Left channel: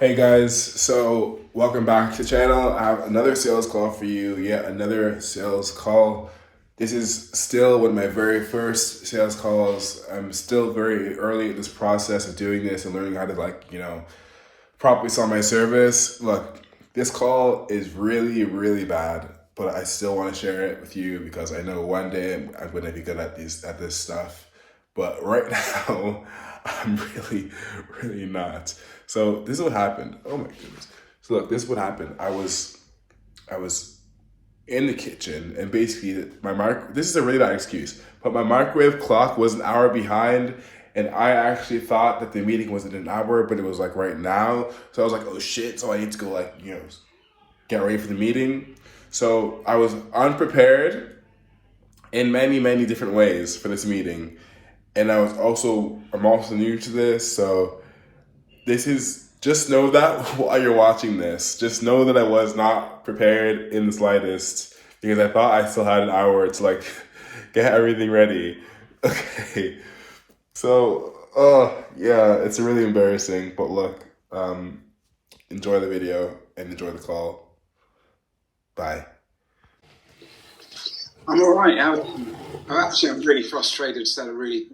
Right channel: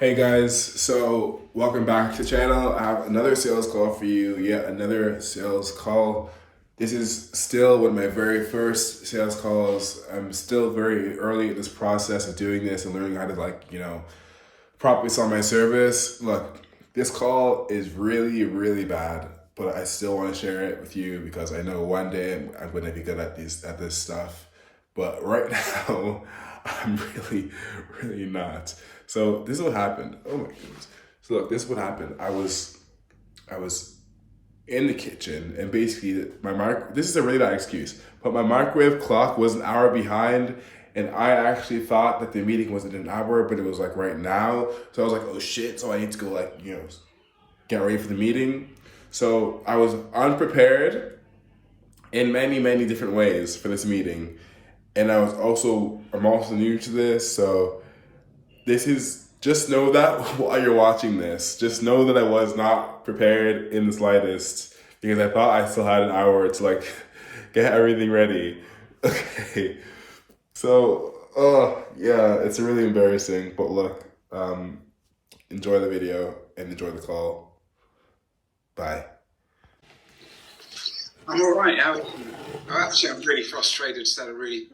Hey guys, so welcome back to the channel. I have another sales call for you, yet another sales call. This is still one of my very first sales calls. I'm still very early in this process of doing this and learning how to properly sell my service. Look, this call is really bad, but I still want to share it with you because I know one day I'm going to be good at this stuff. But right now, I'm really not. So this is what happened. Oh my goodness. So look, this is what happened. I was in the kitchen and basically this is a really bad excuse, but my microwave clock was an hour behind and I actually thought that the meeting wasn't an hour, but it was like right now. So I was like, oh shit, so I need to go get ready for the meeting. So I was unprepared in many different ways for this meeting. And I'm also new to this, so this is, just know that while you're watching this, just know that I was not prepared in the slightest because I thought I still had an hour to get everything ready. Okay, so yeah, it's really embarrassing, but look, enjoy the video and enjoy the call. Bye. I'm all right. I'm really frustrated. Just had a really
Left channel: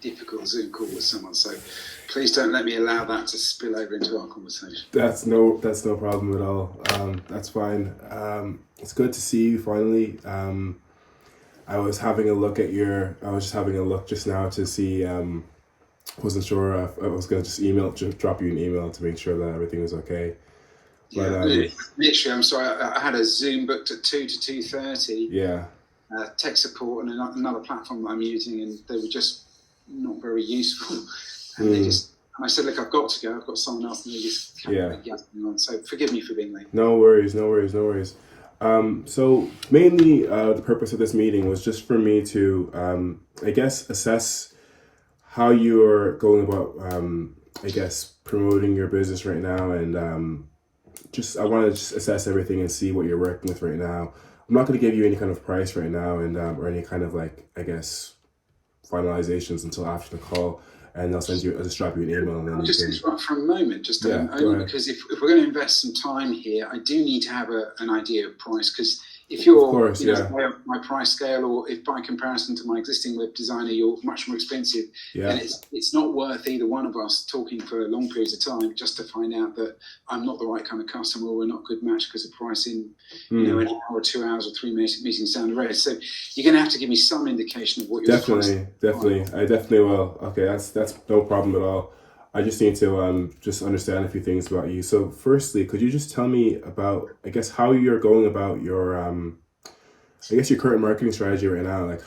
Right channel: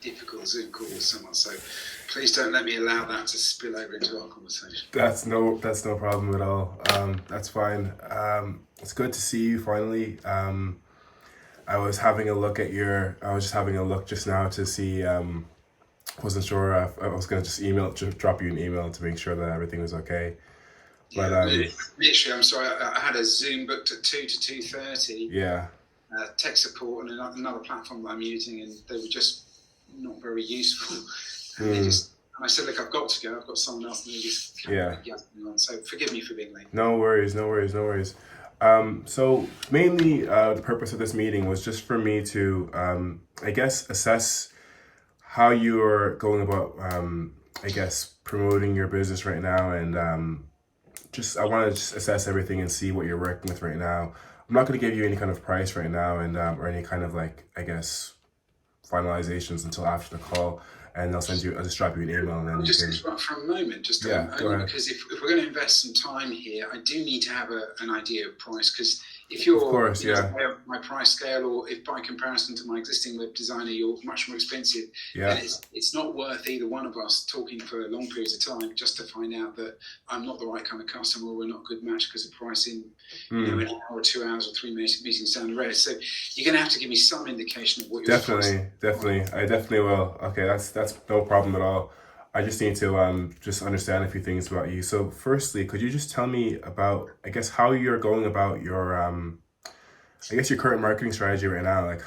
difficult Zoom call with someone. So please don't let me allow that to spill over into our conversation. That's no problem at all. That's fine. It's good to see you finally. I was just having a look just now to see. Wasn't sure if I was gonna just drop you an email to make sure that everything was okay. But Literally, I'm sorry. I had a Zoom booked at 2 to 2:30. yeah, Tech support and another platform that I'm using, and they were just not very useful. And I said, look, I've got to go. I've got someone else, and they just kept yapping on. So forgive me for being late. No worries. So mainly, the purpose of this meeting was just for me to, I guess, assess how you are going about, I guess, promoting your business right now, and I want to just assess everything and see what you're working with right now. I'm not going to give you any kind of price right now, and or any kind of I guess finalizations until after the call, and I'll just drop you an email, and then I'll just interrupt for a moment, because if we're going to invest some time here, I do need to have an idea of price. Because if you're, of course, my price scale, or if by comparison to my existing web designer, you're much more expensive, then it's not worth either one of us talking for long periods of time just to find out that I'm not the right kind of customer, or we're not a good match because of pricing, an hour or 2 hours or 3 meetings down the road. So you're going to have to give me some indication of what you're definitely. I definitely will. Okay, that's no problem at all. I just need to just understand a few things about you. So firstly, could you just tell me about, I guess, how you're going about your I guess your current marketing strategy right now? Like,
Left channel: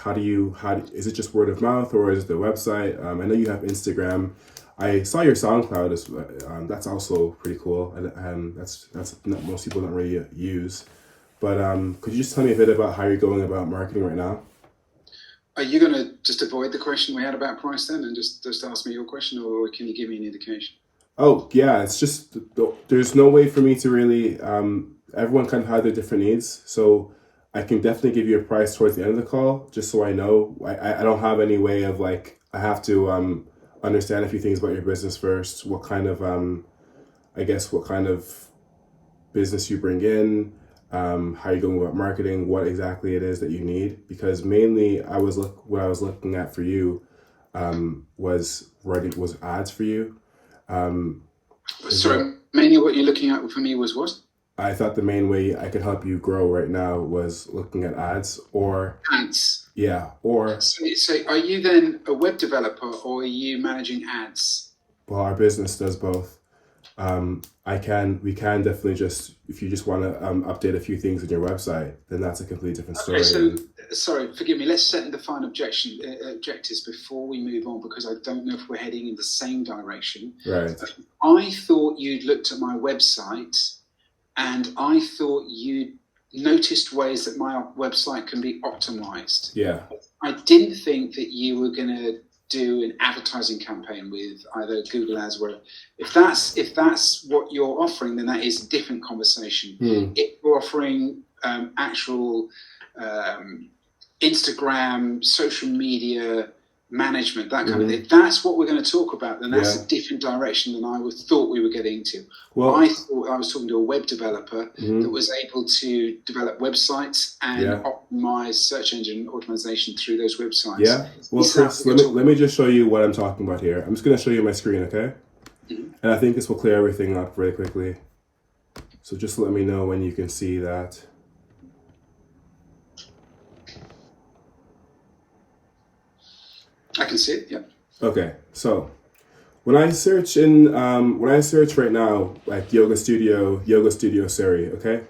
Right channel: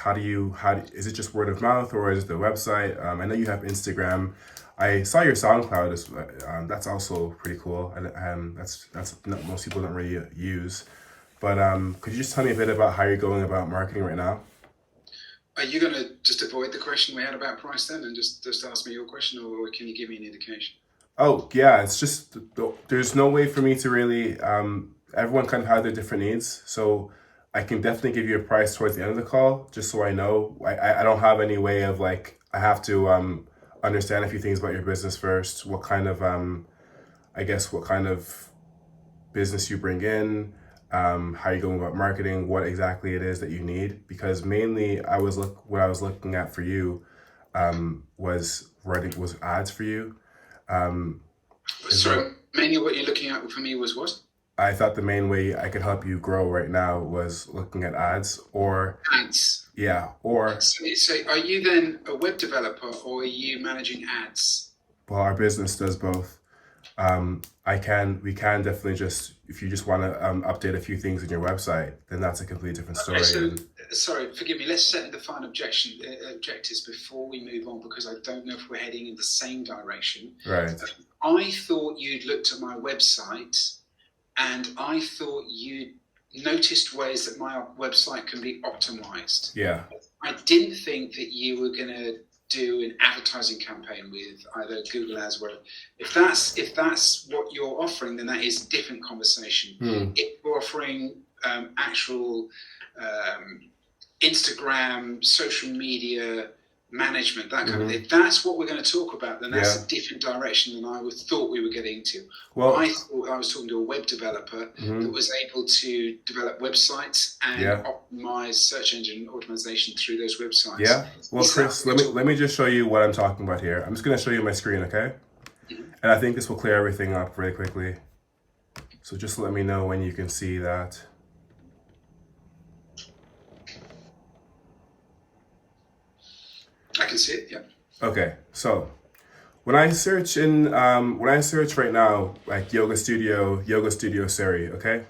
is it just word of mouth, or is it the website? I know you have Instagram. I saw your SoundCloud. That's also pretty cool, and that's not, most people don't really use. But could you just tell me a bit about how you're going about marketing right now? Are you going to just avoid the question we had about price then, and just ask me your question, or can you give me an indication? Oh yeah, it's just there's no way for me to really. Everyone kind of have their different needs, so I can definitely give you a price towards the end of the call, just so I know. I don't have any way of I have to understand a few things about your business first. What kind of I guess what kind of business you bring in, how you're going about marketing, what exactly it is that you need. Because mainly, what I was looking at for you was ads for you. Sorry, mainly what you're looking at for me was what? I thought the main way I could help you grow right now was looking at ads, or ads. Yeah, or so are you then a web developer, or are you managing ads? Well, our business does both. We can definitely just, if you just want to update a few things in your website, then that's a completely different story. Okay, so, sorry, forgive me. Let's set and define objectives before we move on, because I don't know if we're heading in the same direction. Right. I thought you'd looked at my website, and I thought you noticed ways that my website can be optimized. Yeah. I didn't think that you were going to do an advertising campaign with either Google Ads, where if that's what you're offering, then that is a different conversation. If you're offering actual Instagram, social media, management, that kind of thing. That's what we're going to talk about. Then that's a different direction than I thought we were getting to. Well, I thought I was talking to a web developer that was able to develop websites and optimize search engine optimization through those websites. Yeah. Well, Chris, let me just show you what I'm talking about here. I'm just going to show you my screen, okay? And I think this will clear everything up very quickly. So just let me know when you can see that. I can see it, yeah. Okay, so when I search right now, like Yoga Studio Siri, okay?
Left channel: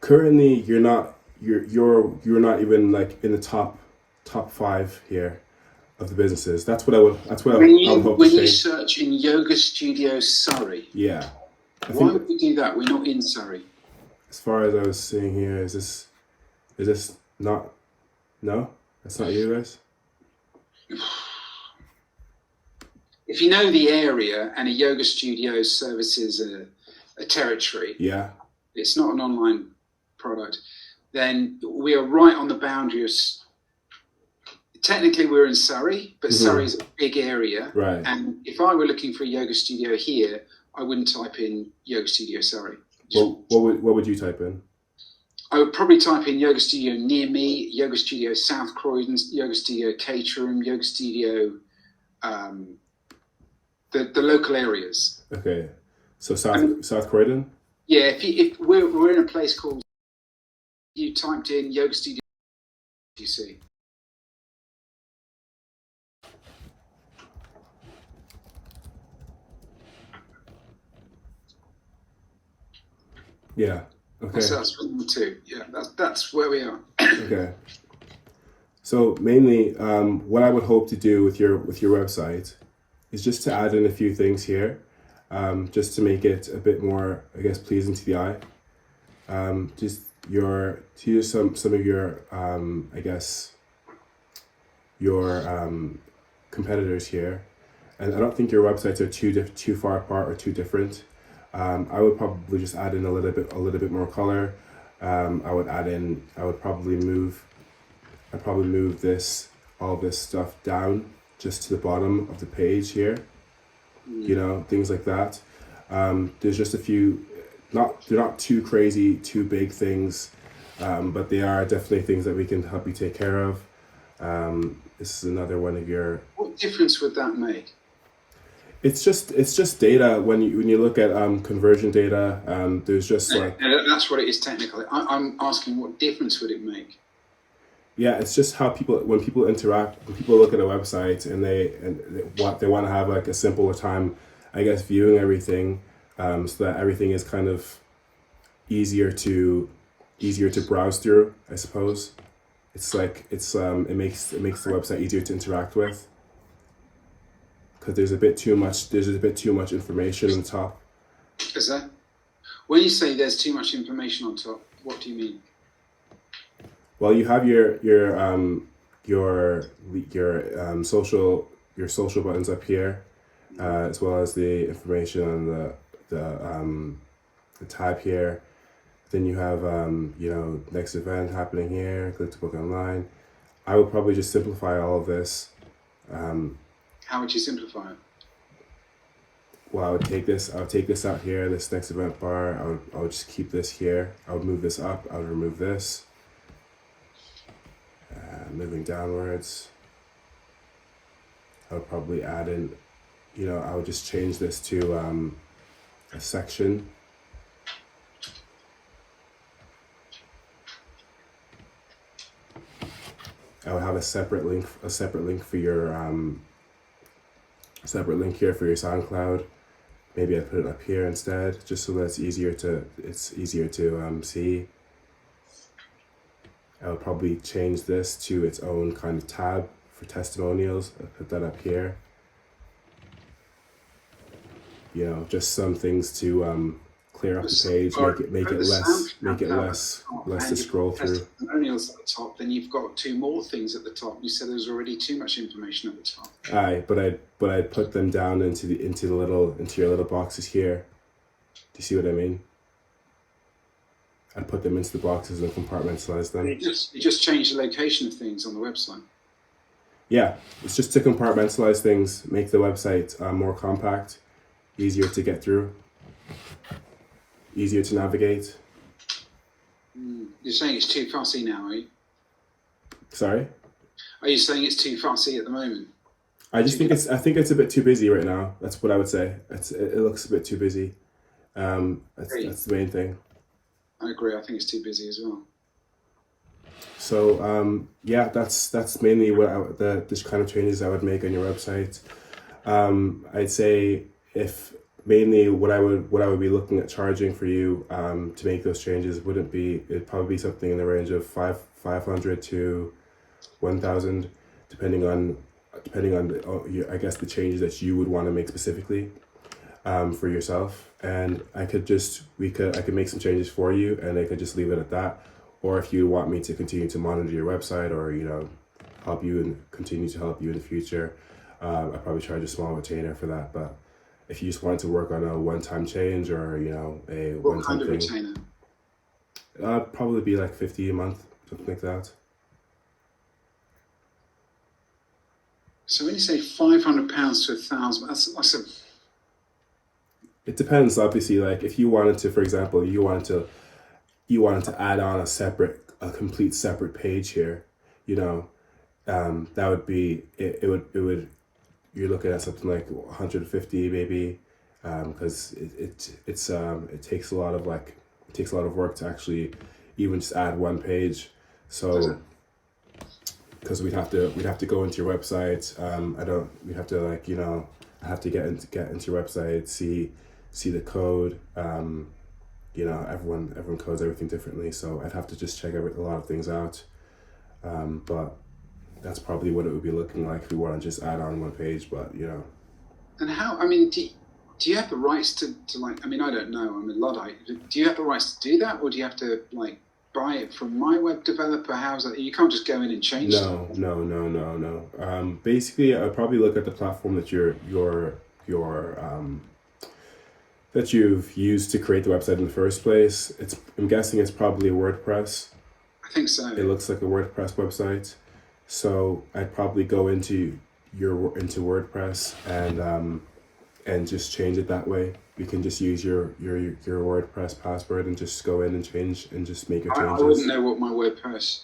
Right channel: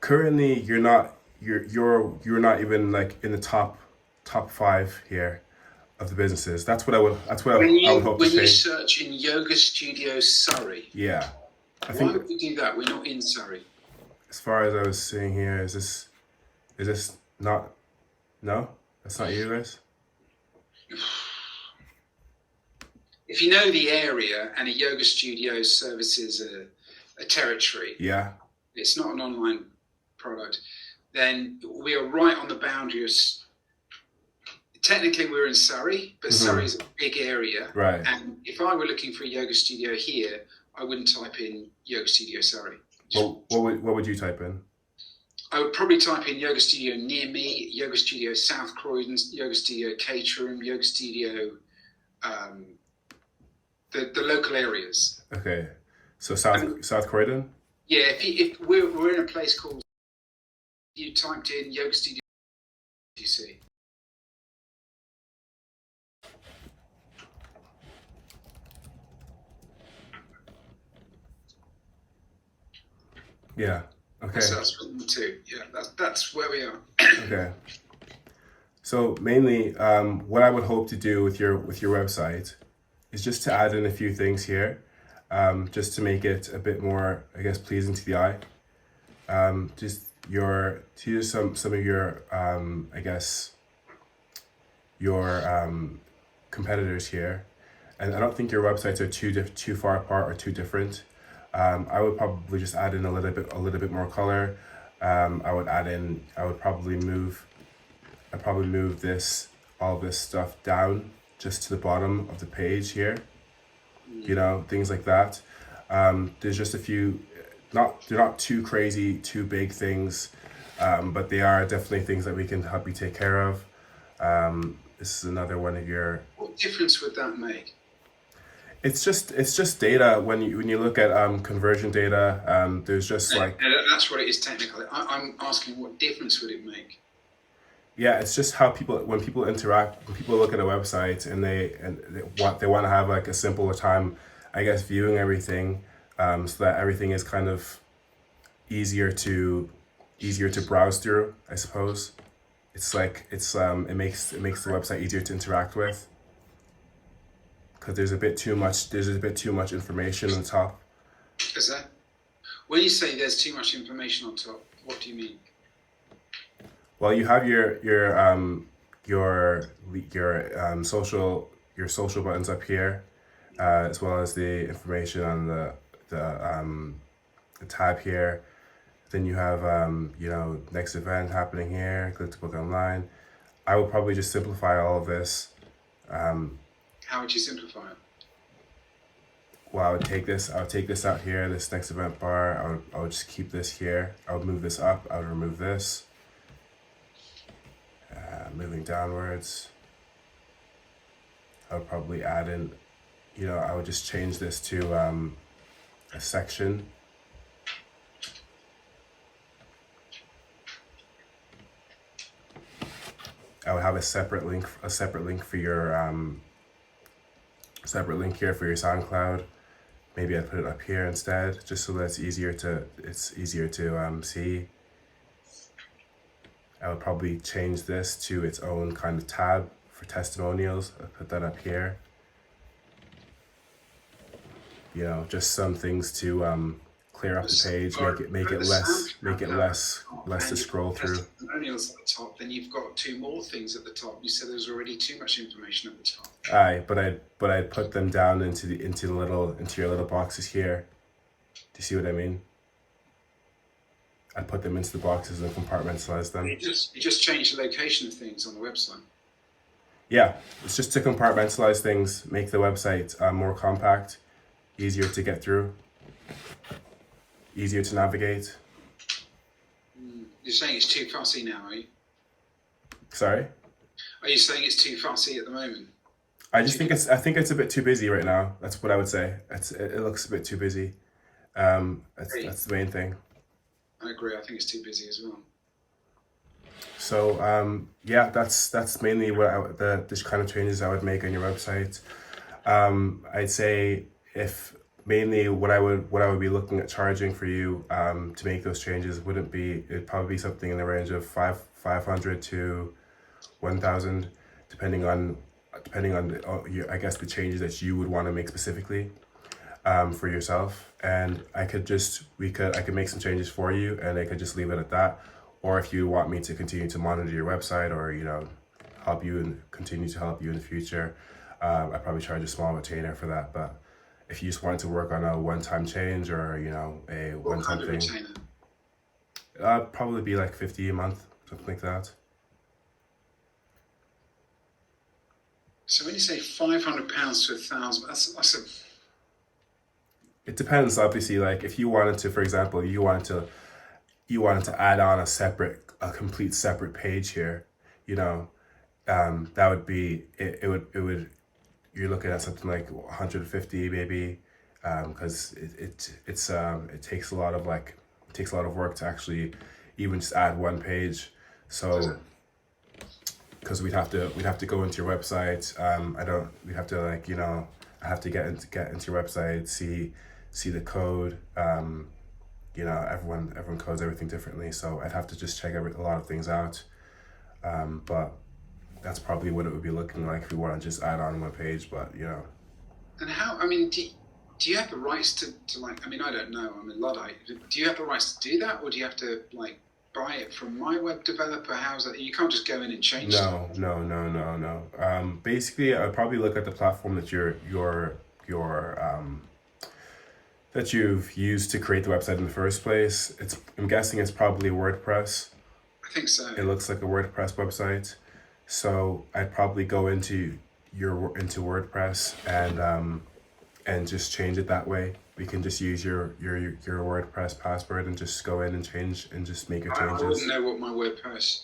Currently, you're not even like in the top 5 here of the businesses. That's what I would hope to say. When you search in Yoga Studio Surrey, yeah. Why would we do that? We're not in Surrey. As far as I was seeing here, is this not? No, that's not you guys. If you know the area and a yoga studio services a territory, yeah, it's not an online product, then we are right on the boundary of. Technically, we're in Surrey, but Surrey is a big area, right? And if I were looking for a yoga studio here, I wouldn't type in Yoga Studio Surrey. Well, what would you type in? I would probably type in Yoga Studio near me, Yoga Studio South Croydon, Yoga Studio Caterham, Yoga Studio, the local areas. Okay, so South Croydon. Yeah, if we're in a place called, you typed in Yoga Studio, you see. Yeah. Okay. So that's number 2. Yeah, that's where we are. Okay. So mainly, what I would hope to do with your website is just to add in a few things here, just to make it a bit more, I guess, pleasing to the eye. Just some of your, I guess, your competitors here, and I don't think your websites are too far apart or too different. I would probably just add in a little bit more color. I would probably move all this stuff down just to the bottom of the page here. You know, things like that. There's just a few, they're not too crazy, too big things, but they are definitely things that we can help you take care of. This is another one of your. What difference would that make? It's just data. When you look at conversion data, there's just like. That's what it is technically. I'm asking, what difference would it make? Yeah, it's just how when people interact, when people look at a website and they want to have like a simpler time, I guess, viewing everything, so that everything is kind of easier to browse through, I suppose. It's like it makes the website easier to interact with, because there's a bit too much information on top. Is that? When you say there's too much information on top, what do you mean? Well, you have your social buttons up here, as well as the information on the tab here. Then you have next event happening here. Click to book online. I would probably just simplify all of this. How would you simplify it? Well, I would take this out here. This next event bar. I would just keep this here. I would move this up. I would remove this. Moving downwards, I would probably add in, I would just change this to a section. I would have a separate link for your separate link here for your SoundCloud. Maybe I'd put it up here instead, just so that it's easier to see. I would probably change this to its own kind of tab for testimonials. I'll put that up here. Just some things to clear up the page, make it less to scroll through. Testimonials at the top. Then you've got 2 more things at the top. You said there's already too much information at the top. Aye, but I'd put them down into your little boxes here. Do you see what I mean? I put them into the boxes and compartmentalize them. You just change the location of things on the website. Yeah, it's just to compartmentalize things, make the website more compact, easier to get through, easier to navigate. You're saying it's too fussy now, are you? Sorry? Are you saying it's too fussy at the moment? I think it's a bit too busy right now. That's what I would say. It looks a bit too busy. That's the main thing. I agree. I think it's too busy as well. So yeah, that's mainly what the kind of changes I would make on your website. I'd say if mainly what I would be looking at charging for you to make those changes it'd probably be something in the range of 500 to 1,000, depending on I guess the changes that you would want to make specifically for yourself. And I could make some changes for you, and I could just leave it at that. Or if you want me to continue to monitor your website, or help you and continue to help you in the future, I probably charge a small retainer for that. But if you just wanted to work on a one-time change, or a one-time thing, retainer? Probably be like 50 a month, something like that. So when you say £500 to 1,000, that's a. It depends, obviously. Like if you wanted to, for example, you wanted to add on a complete separate page here, that would be it would you're looking at something like 150 maybe, because it takes a lot of work to actually even just add one page. So because we'd have to go into your website, we'd have to I have to get into your website, see the code. Everyone codes everything differently, so I'd have to just check a lot of things out. But that's probably what it would be looking like if we want to just add on one page. But And how? I mean, do you have the rights to like? I mean, I don't know. I'm a Luddite. Do you have the rights to do that, or do you have to like buy it from my web developer? How's that? You can't just go in and change. No. Basically, I'd probably look at the platform that that you've used to create the website in the first place. I'm guessing it's probably WordPress. I think so. It looks like a WordPress website. So I'd probably go into WordPress and just change it that way. We can just use your WordPress password and just go in and change and just make your changes. I wouldn't know what my WordPress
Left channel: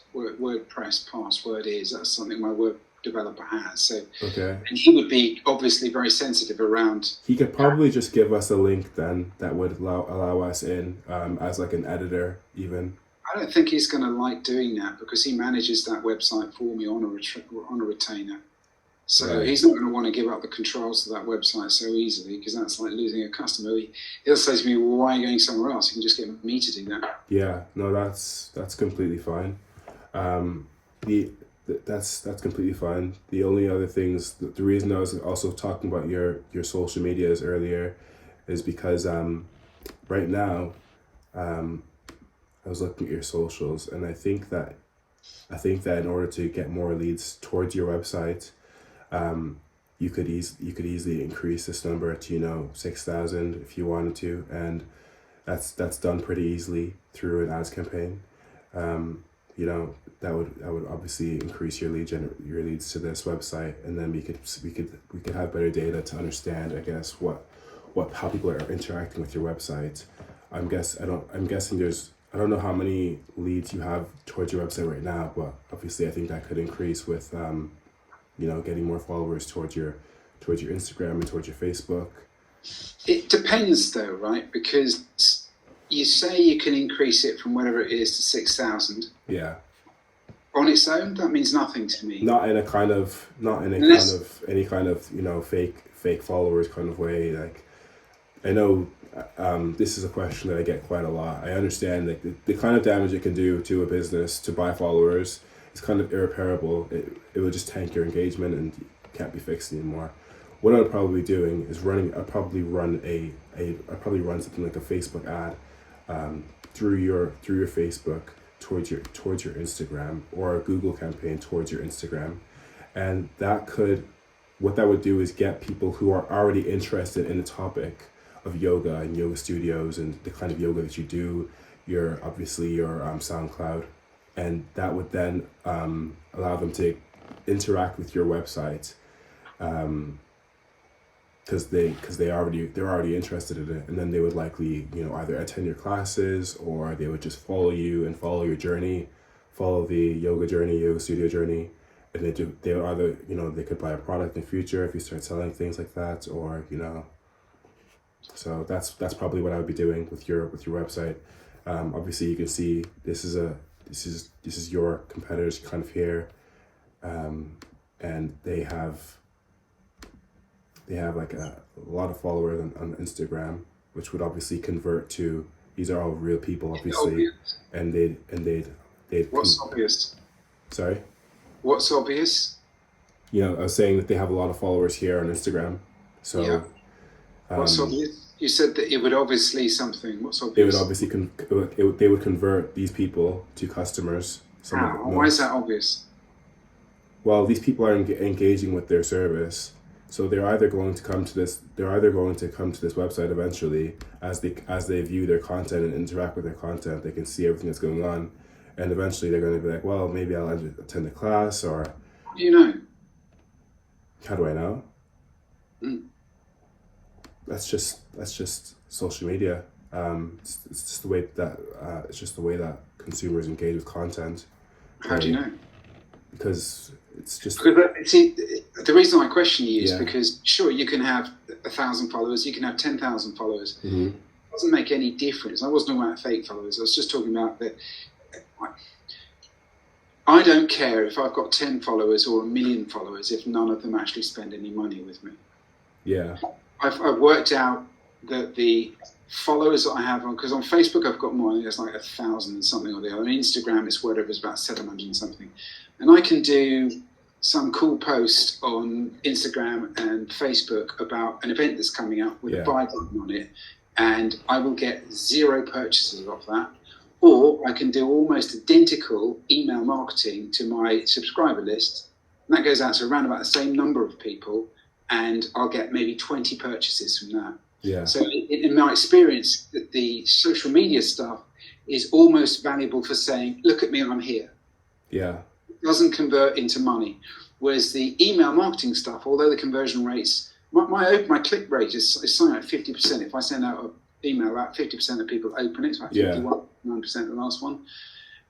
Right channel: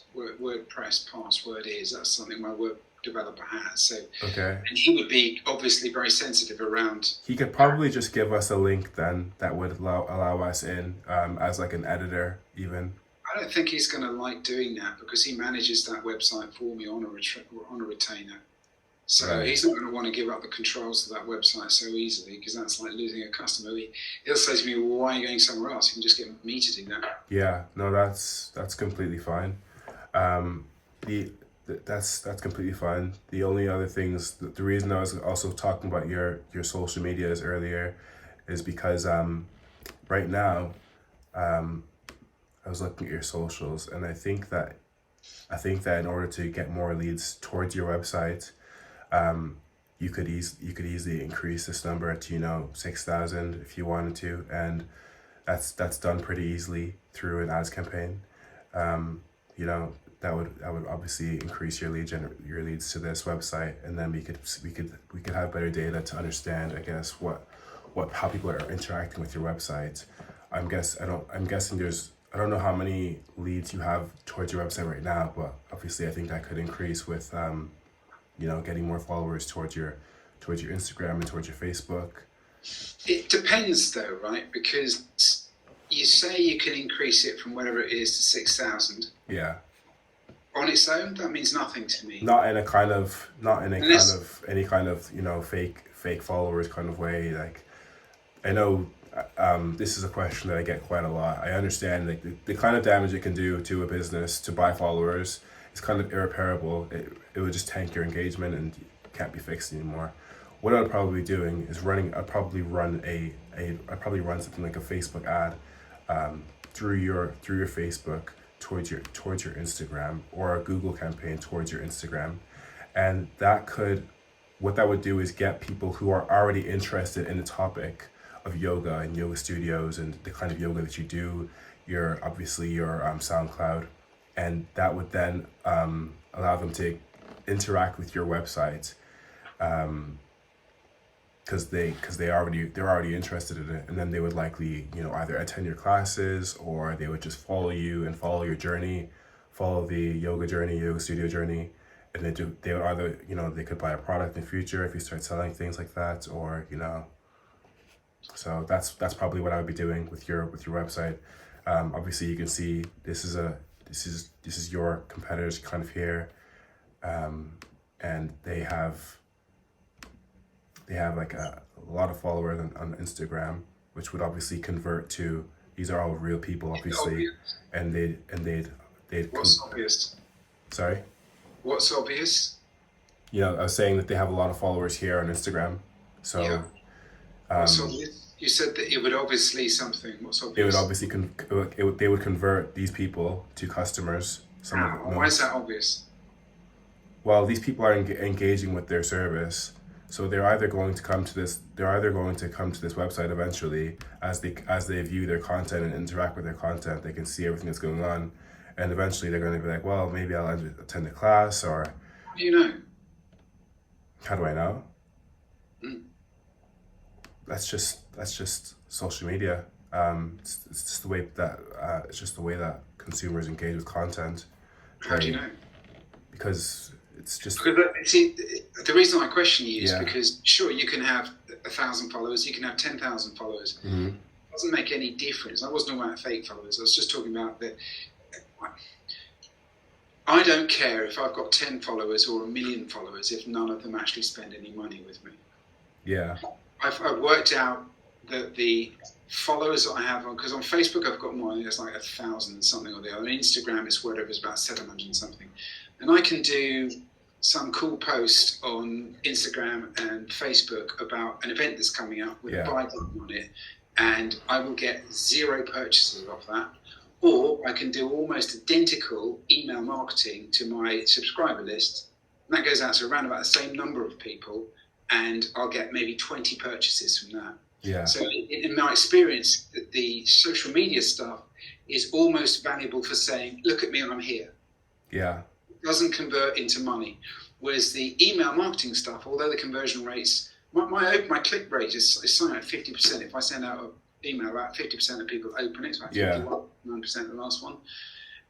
password is. That's something my web developer has. So okay. And he would be obviously very sensitive around. He could probably just give us a link then that would allow us in as like an editor even. I don't think he's going to like doing that because he manages that website for me on a retainer. So right. He's not going to want to give up the controls to that website so easily, because that's like losing a customer. He'll say to me, well, why are you going somewhere else? You can just get me to do that. Yeah, no, that's completely fine. That's completely fine. The only other things, the reason I was also talking about your social medias earlier is because right now I was looking at your socials, and I think that in order to get more leads towards your website, you could easily increase this number to 6,000 if you wanted to, and that's done pretty easily through an ads campaign. That would obviously increase your leads to this website, and then we could have better data to understand, I guess, how people are interacting with your website. I'm guessing I don't know how many leads you have towards your website right now, but obviously I think that could increase with getting more followers towards your Instagram and towards your Facebook. It depends though, right? Because you say you can increase it from whatever it is to 6,000. Yeah. On its own, that means nothing to me. Not in any kind of fake followers kind of way. Like, I know this is a question that I get quite a lot. I understand like the kind of damage it can do to a business to buy followers is kind of irreparable. It would just tank your engagement and can't be fixed anymore. What I would probably be doing is I'd probably run something like a Facebook ad through your Facebook towards your Instagram, or a Google campaign towards your Instagram, and what that would do is get people who are already interested in the topic of yoga and yoga studios and the kind of yoga that you do, your SoundCloud, and that would then allow them to interact with your website, because they're already interested in it, and then they would likely, you know, either attend your classes, or they would just follow you and follow your journey, follow the yoga journey, yoga studio journey, and they would either, you know, they could buy a product in the future if you start selling things like that, or, you know. So that's probably what I would be doing with your website. Obviously, you can see this is your competitors kind of here, and they have like a lot of followers on Instagram, which would obviously convert to, these are all real people, obviously, and they'd. What's obvious? Sorry. What's obvious? You know, I was saying that they have a lot of followers here on Instagram. So. Yeah. What's obvious? You said that it would obviously something. What's obvious? It would obviously they would convert these people to customers. Why is that obvious? Well, these people are engaging with their service, so they're either going to come to this website eventually, as they view their content and interact with their content. They can see everything that's going on, and eventually they're going to be like, well, maybe I'll attend a class. Or how do you know? How do I know? That's just social media. It's just the way that consumers engage with content. How do you know? Because it's just. See, the reason I question you is because sure, you can have 1,000 followers, you can have 10,000 followers. Mm-hmm. It doesn't make any difference. I wasn't talking about fake followers. I was just talking about that. I don't care if I've got 10 followers or 1 million followers if none of them actually spend any money with me. Yeah. I've worked out that the followers that I have because on Facebook I've got more. There's like 1,000 and something or the other. On Instagram it's whatever, it's about 700 and something. And I can do some cool post on Instagram and Facebook about an event that's coming up with a buy button on it, and I will get 0 purchases off that. Or I can do almost identical email marketing to my subscriber list, and that goes out to around about the same number of people, and I'll get maybe 20 purchases from that. Yeah. So in my experience, the social media stuff is almost valuable for saying, look at me, I'm here. Yeah. It doesn't convert into money. Whereas the email marketing stuff, although the conversion rates, my click rate is something like 50%. If I send out an email, about 50% of people open it. It's like 51% the last one.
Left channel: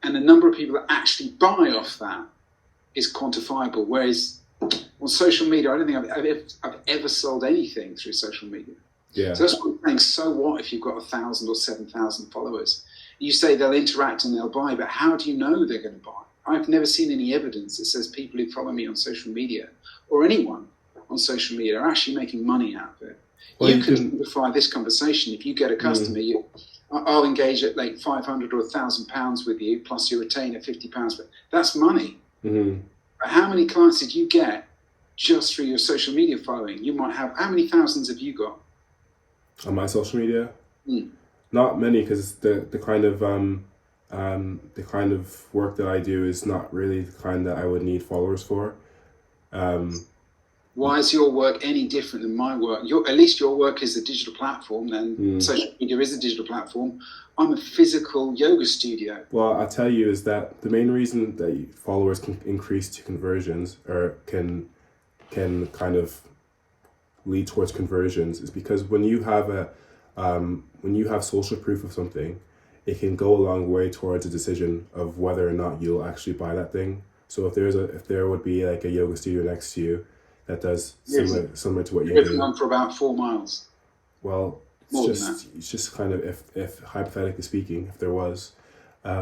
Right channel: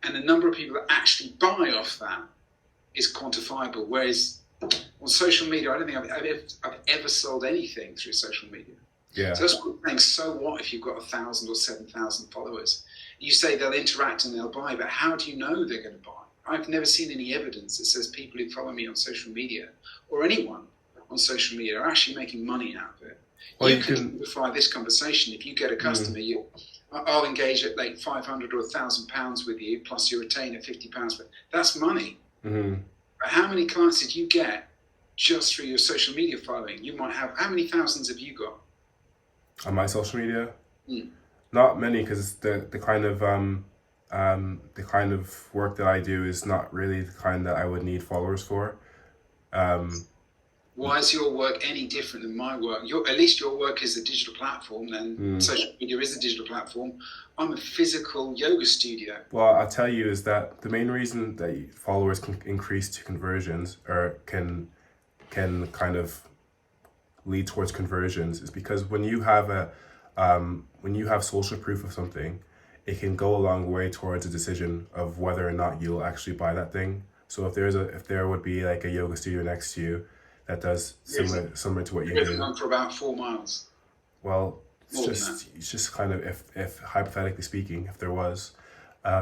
And the number of people that actually buy off that is quantifiable. Whereas on social media, I don't think I've ever sold anything through social media. Yeah. So that's what I'm saying. So what if you've got 1,000 or 7,000 followers? You say they'll interact and they'll buy, but how do you know they're going to buy? I've never seen any evidence that says people who follow me on social media or anyone on social media are actually making money out of it. Well, you can simplify this conversation. If you get a customer, I'll engage at like 500 or £1,000 with you, plus you retain at £50, but that's money. Mm-hmm. But how many clients did you get just through your social media following? You might have, how many thousands have you got? On my social media? Not many, because the kind of work that I do is not really the kind that I would need followers for. Why is your work any different than my work? At least your work is a digital platform, then social media is a digital platform. I'm a physical yoga studio. Well, I'll tell you is that the main reason that followers can increase to conversions, or can kind of lead towards conversions, is because when you have social proof of something, it can go a long way towards a decision of whether or not you'll actually buy that thing. So if there would be like a yoga studio next to you that does similar to what you do. On for about 4 miles. Well, it's just kind of if hypothetically speaking, if there was, I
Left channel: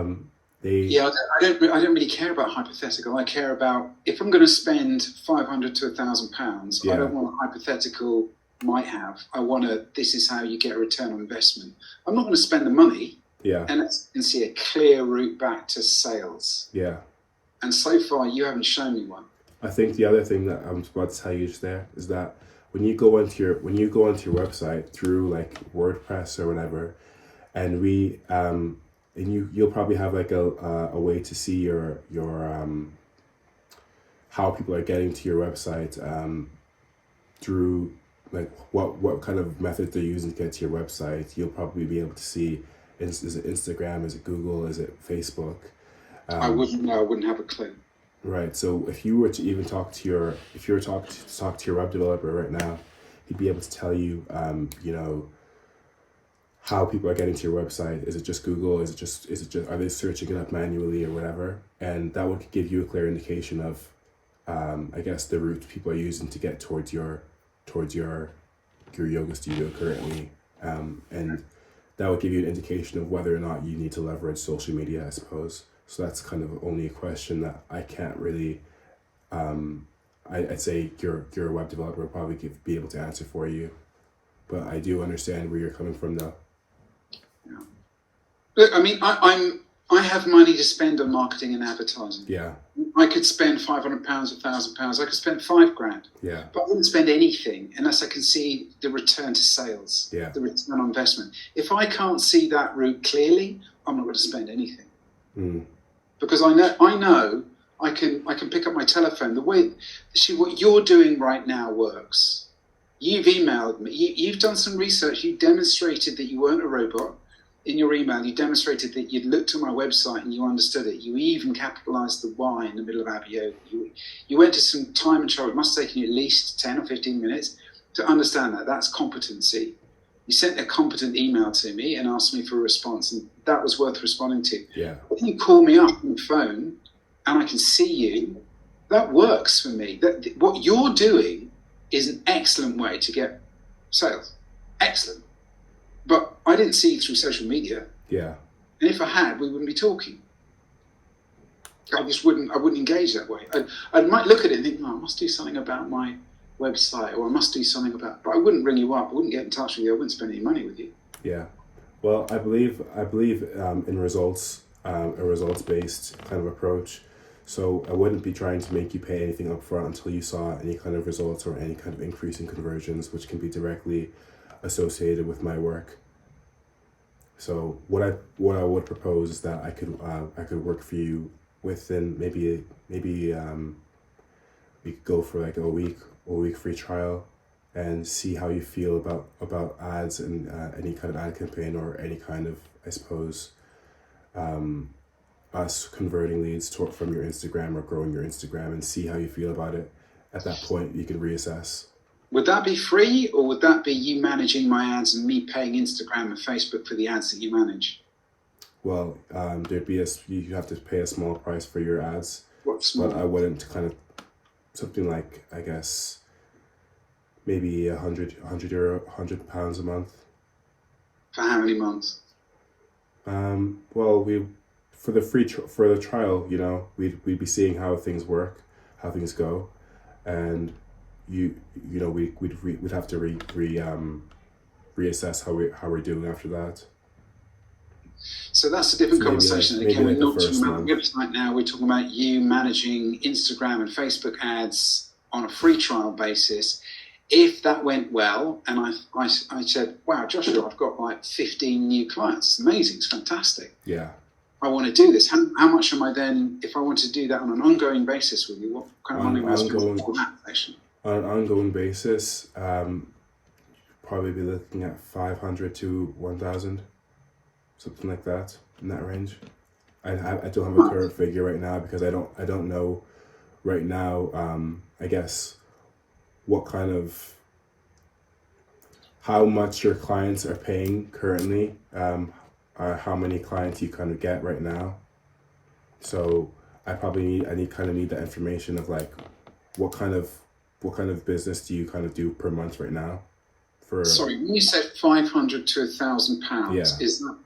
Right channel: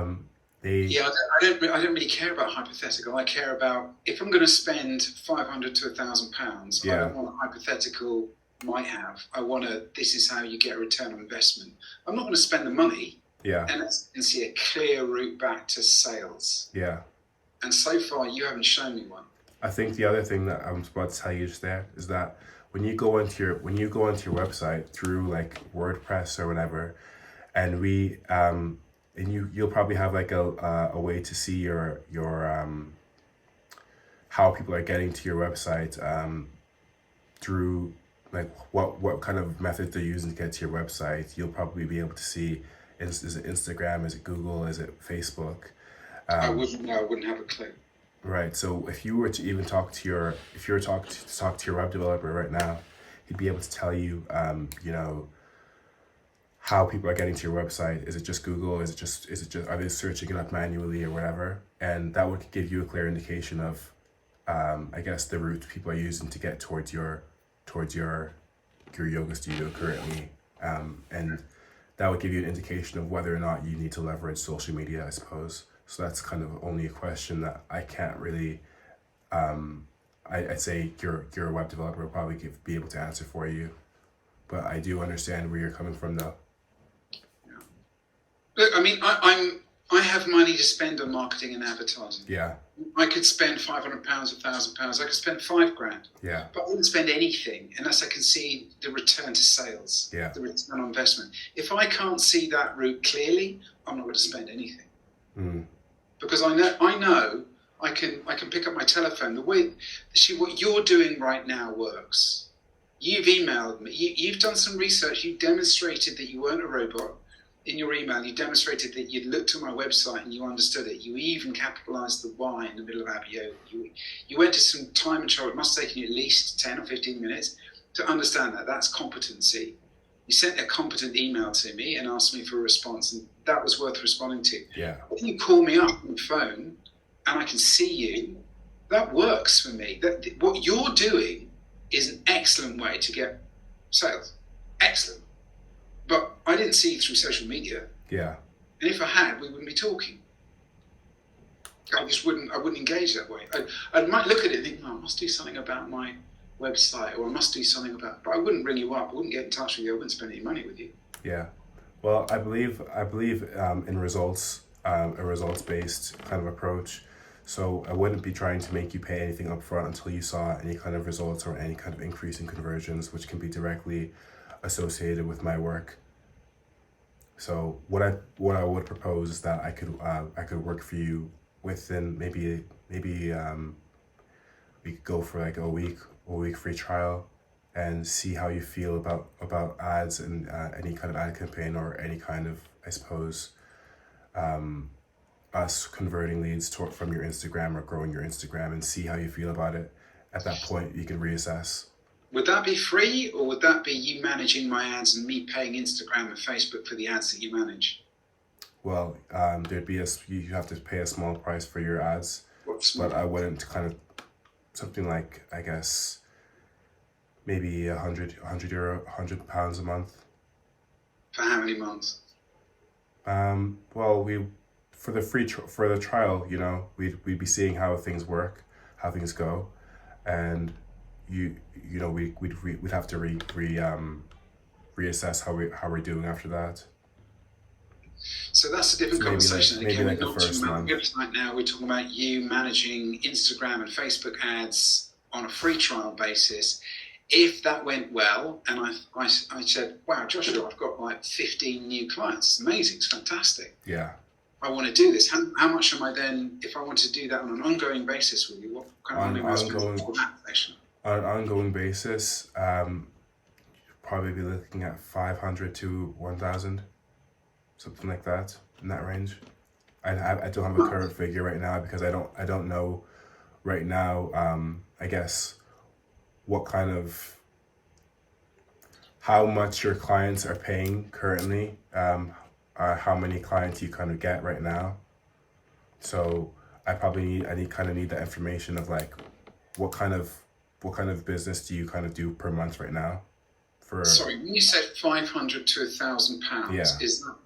don't really care about hypothetical. I care about if I'm going to spend £500 to £1,000. I don't want a hypothetical might have. I want this is how you get a return on investment. I'm not going to spend the money. Yeah. And see a clear route back to sales. Yeah. And so far, you haven't shown me one. I think the other thing that I'm about to tell you just there is that when you go onto your website through like WordPress or whatever, and you'll probably have like a way to see your how people are getting to your website through like what kind of methods they're using to get to your website. You'll probably be able to see, is it Instagram, is it Google, is it Facebook? I wouldn't have a clue. Right. So if you were to even if you were to talk to your web developer right now, he'd be able to tell you, how people are getting to your website. Is it just Google? Are they searching it up manually or whatever? And that would give you a clear indication of, I guess, the route people are using to get towards your yoga studio currently. And that would give you an indication of whether or not you need to leverage social media, I suppose. So that's kind of only a question that I can't really, I'd say your web developer would probably be able to answer for you. But I do understand where you're coming from though. Yeah. Look, I mean, I have money to spend on marketing and advertising. Yeah. I could spend £500, £1,000. I could spend £5,000. Yeah. But I wouldn't spend anything unless I can see the return to sales. Yeah. The return on investment. If I can't see that route clearly, I'm not going to spend anything. Mm. Because I know I can pick up my telephone. What you're doing right now works. You've emailed me. You've done some research. You demonstrated that you weren't a robot. In your email, you demonstrated that you'd looked at my website and you understood it. You even capitalized the Y in the middle of Abiola. You went to some time and trouble. It must have taken you at least 10 or 15 minutes to understand that. That's competency. You sent a competent email to me and asked me for a response, and that was worth responding to. Yeah. If you call me up on the phone and I can see you, that works for me. What you're doing is an excellent way to get sales. Excellent. But I didn't see you through social media. Yeah. And if I had, we wouldn't be talking. I wouldn't engage that way. I might look at it and think, I must do something about my website, or I must do something about, but I wouldn't ring you up. I wouldn't get in touch with you. I wouldn't spend any money with you. Yeah. Well, I believe in results, a results-based kind of approach. So I wouldn't be trying to make you pay anything up front until you saw any kind of results or any kind of increase in conversions, which can be directly associated with my work. So what I would propose is that I could work for you within maybe we could go for like a week free trial and see how you feel about ads and any kind of ad campaign or any kind of, I suppose, us converting leads from your Instagram or growing your Instagram, and see how you feel about it. At that point, you can reassess. Would that be free, or would that be you managing my ads and me paying Instagram and Facebook for the ads that you manage? Well, you have to pay a small price for your ads. What's but I wouldn't kind of something like, I guess, maybe €100 a month. For how many months? Well, for the trial, we'd be seeing how things work, how things go, and we'd have to reassess how we're doing after that. So that's a different conversation. Again, we're not talking about the month. website now. We're talking about you managing Instagram and Facebook ads on a free trial basis. If that went well, and I said, wow, Joshua, I've got like 15 new clients. It's amazing. It's fantastic. Yeah. I want to do this. How much am I then, if I want to do that on an ongoing basis with you, what kind of money am I spending on that actually? On an ongoing basis, probably be looking at 500 to 1,000, something like that, in that range. I don't have a current figure right now because I don't know right now. I guess what kind of, how much your clients are paying currently, how many clients you kind of get right now. So I need that information of like what kind of business do you kind of do per month right now? Sorry, when you said 500 to £1,000, yeah. Is that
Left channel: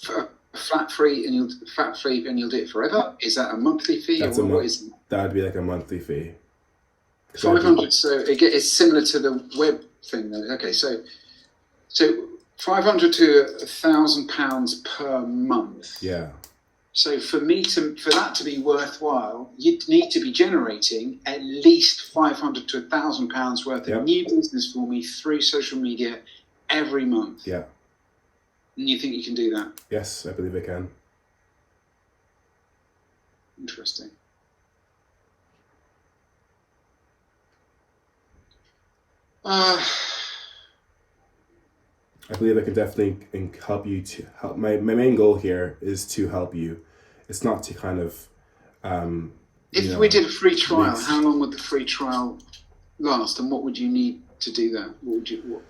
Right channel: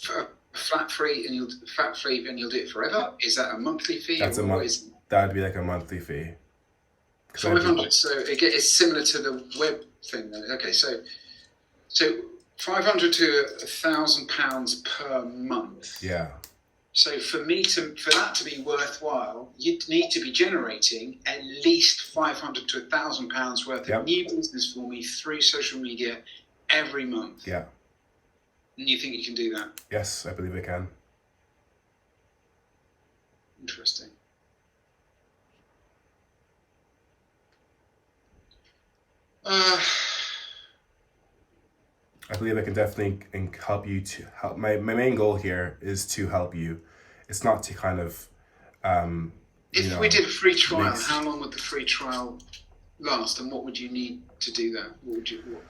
for flat free and you'll do it forever? Is that a monthly fee? That'd be like a monthly fee. 500. So it's similar to the web thing then. Okay, so 500 to £1,000 per month. Yeah. So for that to be worthwhile, you'd need to be generating at least 500 to £1,000 worth of new business for me through social media every month. Yeah. And you think you can do that? Yes, I believe I can. Interesting. I believe I can definitely help you to help. My main goal here is to help you. It's not to kind of If we did a free trial, how long would the free trial last, and what would you need to do that? What?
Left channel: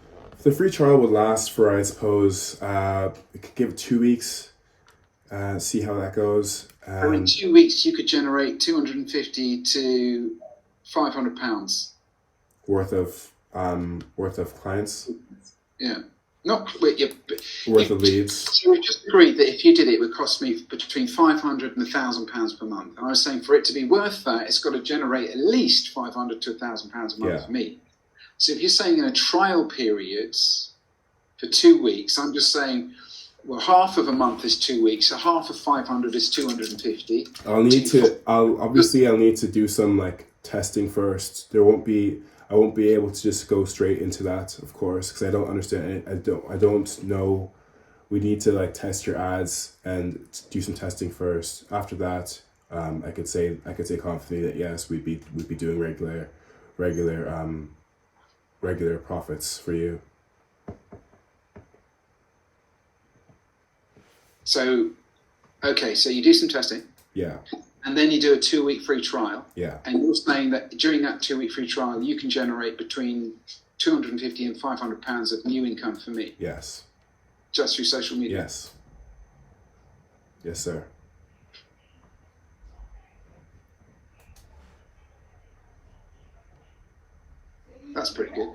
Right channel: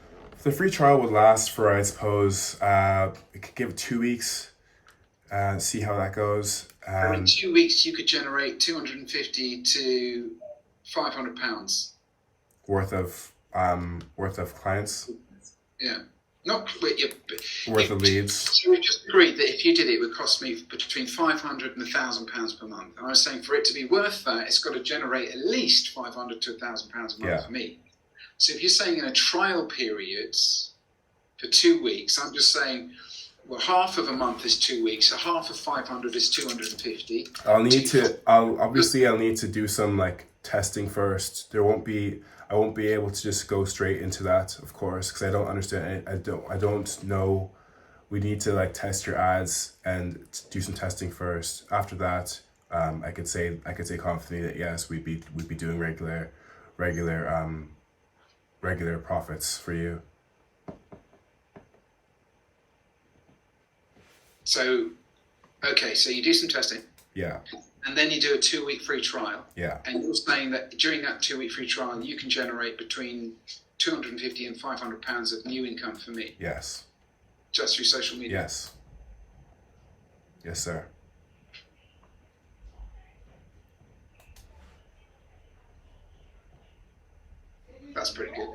The free trial would last for, I suppose, it could give it 2 weeks, see how that goes. So in 2 weeks, you could generate 250 to 500 pounds worth of clients. Yeah, not worth of leads. So we just agreed that if you did it, it would cost me between 500 and 1,000 pounds per month. And I was saying for it to be worth that, it's got to generate at least 500 to 1,000 pounds a month for me. So if you're saying in a trial period for 2 weeks, I'm just saying, well, half of a month is 2 weeks, so half of 500 is 250. I'll need to do some like testing first. I won't be able to just go straight into that, of course, because I don't understand it. I don't know. We need to like test your ads and do some testing first. After that, I could say confidently that yes, we'd be doing regular profits for you. So, okay, so you do some testing. Yeah. And then you do a 2 week free trial. Yeah. And you're saying that during that 2 week free trial, you can generate between 250 and 500 pounds of new income for me. Yes. Just through social media. Yes. Yes, sir. That's pretty good.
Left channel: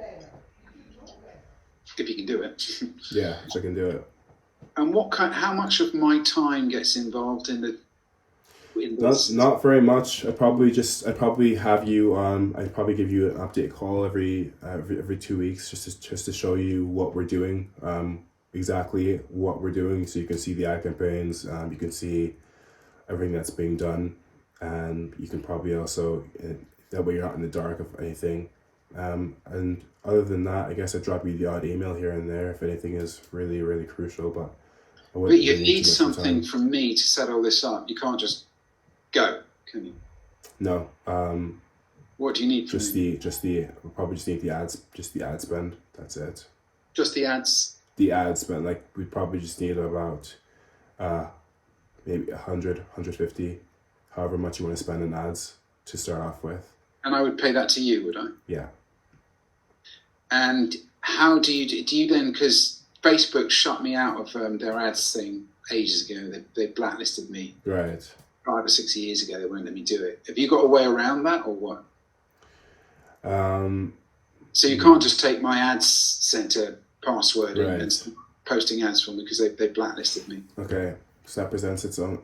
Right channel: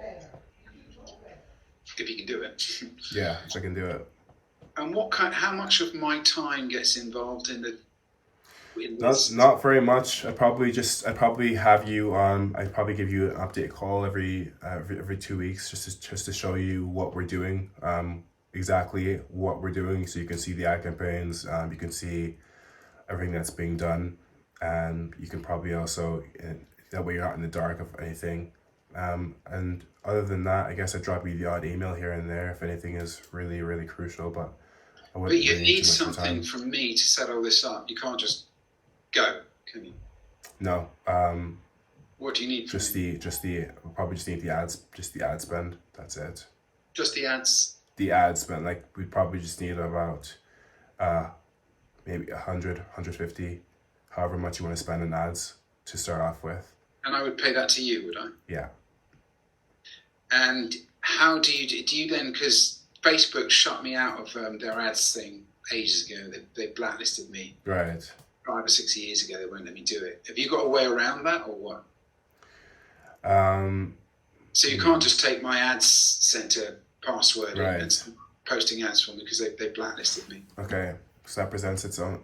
If you can do it. Yeah, if I can do it. And how much of my time gets involved in the? Not very much. I'd probably have you I'd probably give you an update call every 2 weeks just to show you what we're doing, exactly what we're doing, so you can see the ad campaigns, you can see everything that's being done, and you can probably also, that way you're not in the dark of anything. And other than that, I guess I'd drop you the odd email here and there if anything is really, really crucial, but you need something from me to set all this up. You can't just go, can you? No. What do you need from me? We probably just need the ad spend. That's it. Just the ads? The ad spend, like we'd probably just need about maybe 100, 150, however much you want to spend in ads to start off with. And I would pay that to you, would I? Yeah. And how do you then, because Facebook shut me out of their ads thing ages ago. They blacklisted me. Right. 5 or 6 years ago, they won't let me do it. Have you got a way around that, or what? So you can't just take my ads center password and posting ads for me because they blacklisted me. Okay, so that presents its own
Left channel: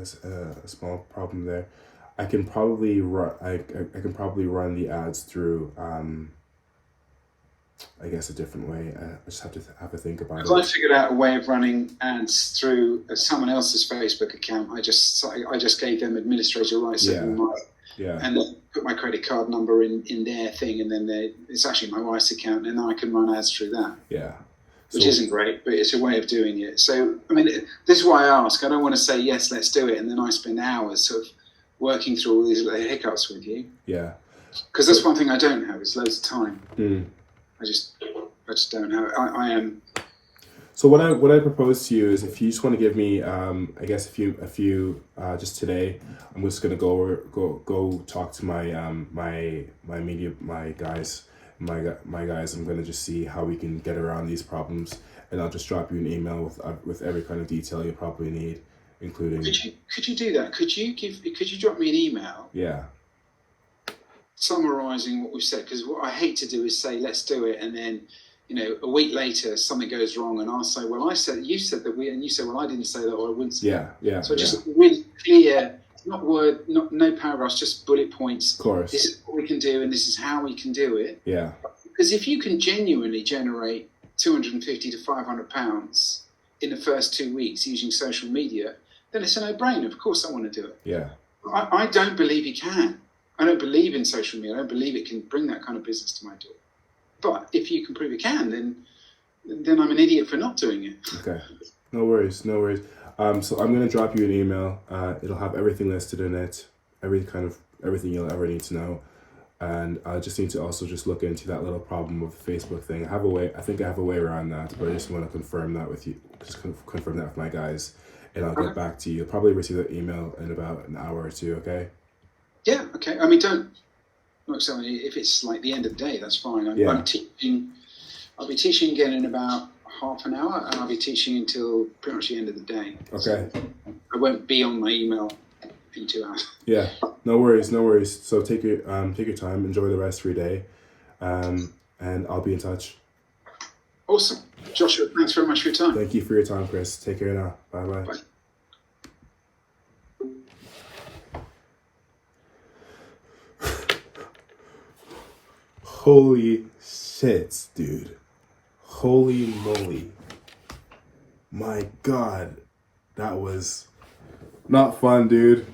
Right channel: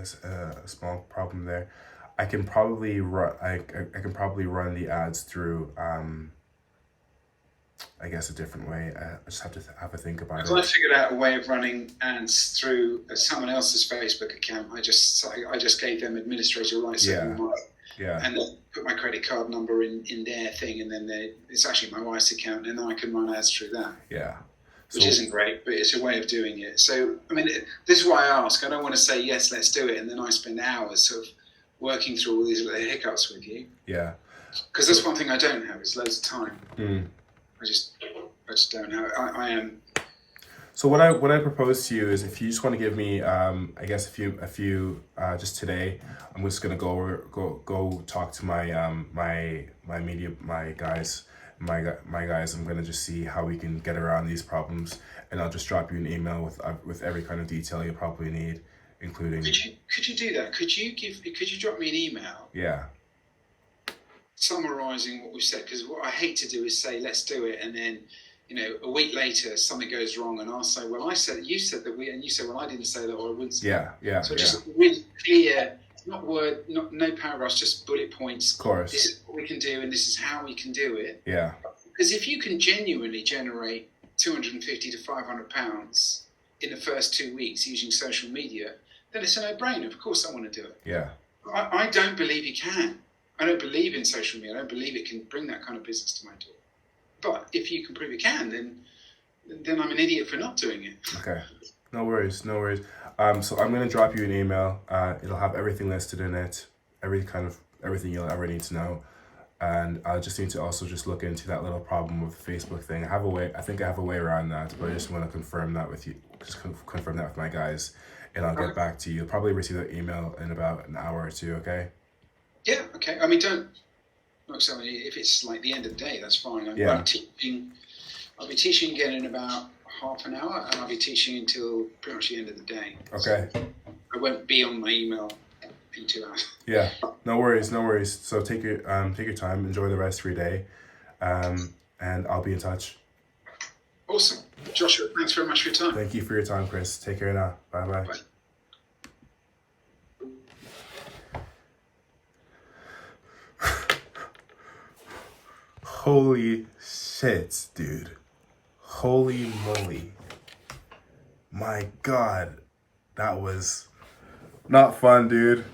as a small problem there. I can probably run. I can probably run the ads through. I guess a different way. I just have to think about it. I figured out a way of running ads through someone else's Facebook account. I just gave them administrator rights. Yeah. And then put my credit card number in their thing, and then it's actually my wife's account, and I can run ads through that. Yeah. Which isn't great, but it's a way of doing it. So, I mean, this is why I ask. I don't want to say, yes, let's do it, and then I spend hours sort of working through all these little hiccups with you. Yeah. Because that's one thing I don't have. It's loads of time. Mm. I just don't have it. I am. So what I propose to you is, if you just want to give me, I guess a few just today, I'm just gonna go talk to my guys. I'm gonna just see how we can get around these problems, and I'll just drop you an email with every kind of detail you probably need, including. Could you do that? Could you drop me an email? Yeah. Summarising what we've said, because what I hate to do is say let's do it, and then a week later something goes wrong, and I'll say, well, you said that and you say, well, I didn't say that, or I wouldn't say that. Yeah. So just really clear, no paragraphs, just bullet points. Of course. This is what we can do, and this is how we can do it. Yeah. Because if you can genuinely generate 250 to 500 pounds in the first 2 weeks using social media, then it's a no-brainer. Of course I want to do it. Yeah. I don't believe you can. I don't believe in social media. I don't believe it can bring that kind of business to my door. But if you can prove it can, then I'm an idiot for not doing it. Okay. No worries. So I'm going to drop you an email. It'll have everything listed in it, everything you'll ever need to know. And I just need to also just look into that little problem with the Facebook thing. I think I have a way around that, but I just want to confirm that with you. Just confirm that with my guys, and I'll get back to you. You'll probably receive that email in about an hour or two. Okay. Yeah, okay. I mean, don't look. So if it's like the end of the day, that's fine. I'm teaching. I'll be teaching again in about half an hour, and I'll be teaching until pretty much the end of the day. Okay. So I won't be on my email in 2 hours. Yeah. No worries. No worries. So take your time. Enjoy the rest of your day. And I'll be in touch. Awesome. Joshua, thanks very much for your time. Thank you for your time, Chris. Take care now. Bye-bye. Bye. Holy shit, dude. Holy moly. My God. That was not fun, dude.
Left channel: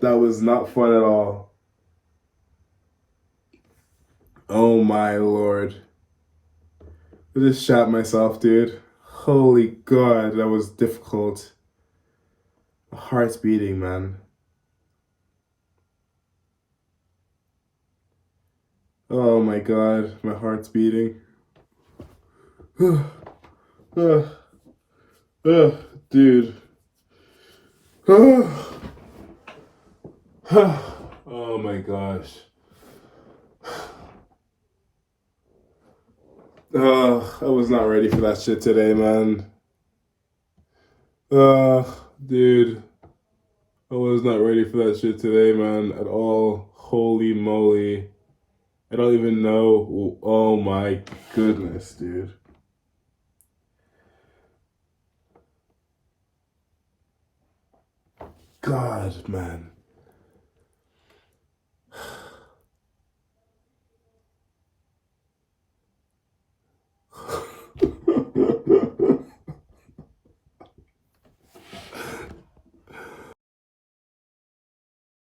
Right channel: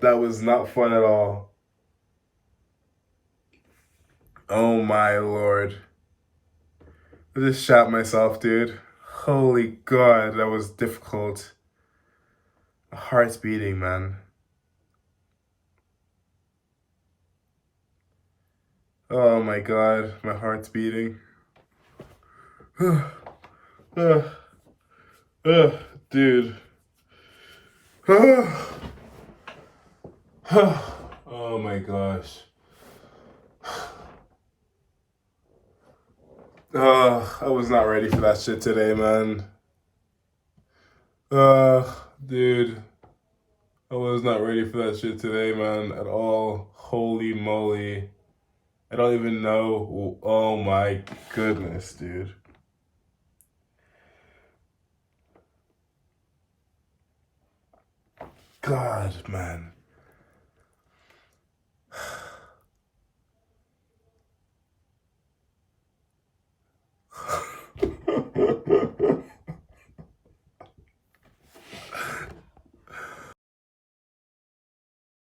That was not fun at all. Oh my Lord. I just shot myself, dude. Holy God, that was difficult. My heart's beating, man. Oh my God, my heart's beating. Dude. Oh my gosh. I was not ready for that shit today, man. Dude. I was not ready for that shit today, man, at all. Holy moly. I don't even know. Oh my goodness, dude. God, man.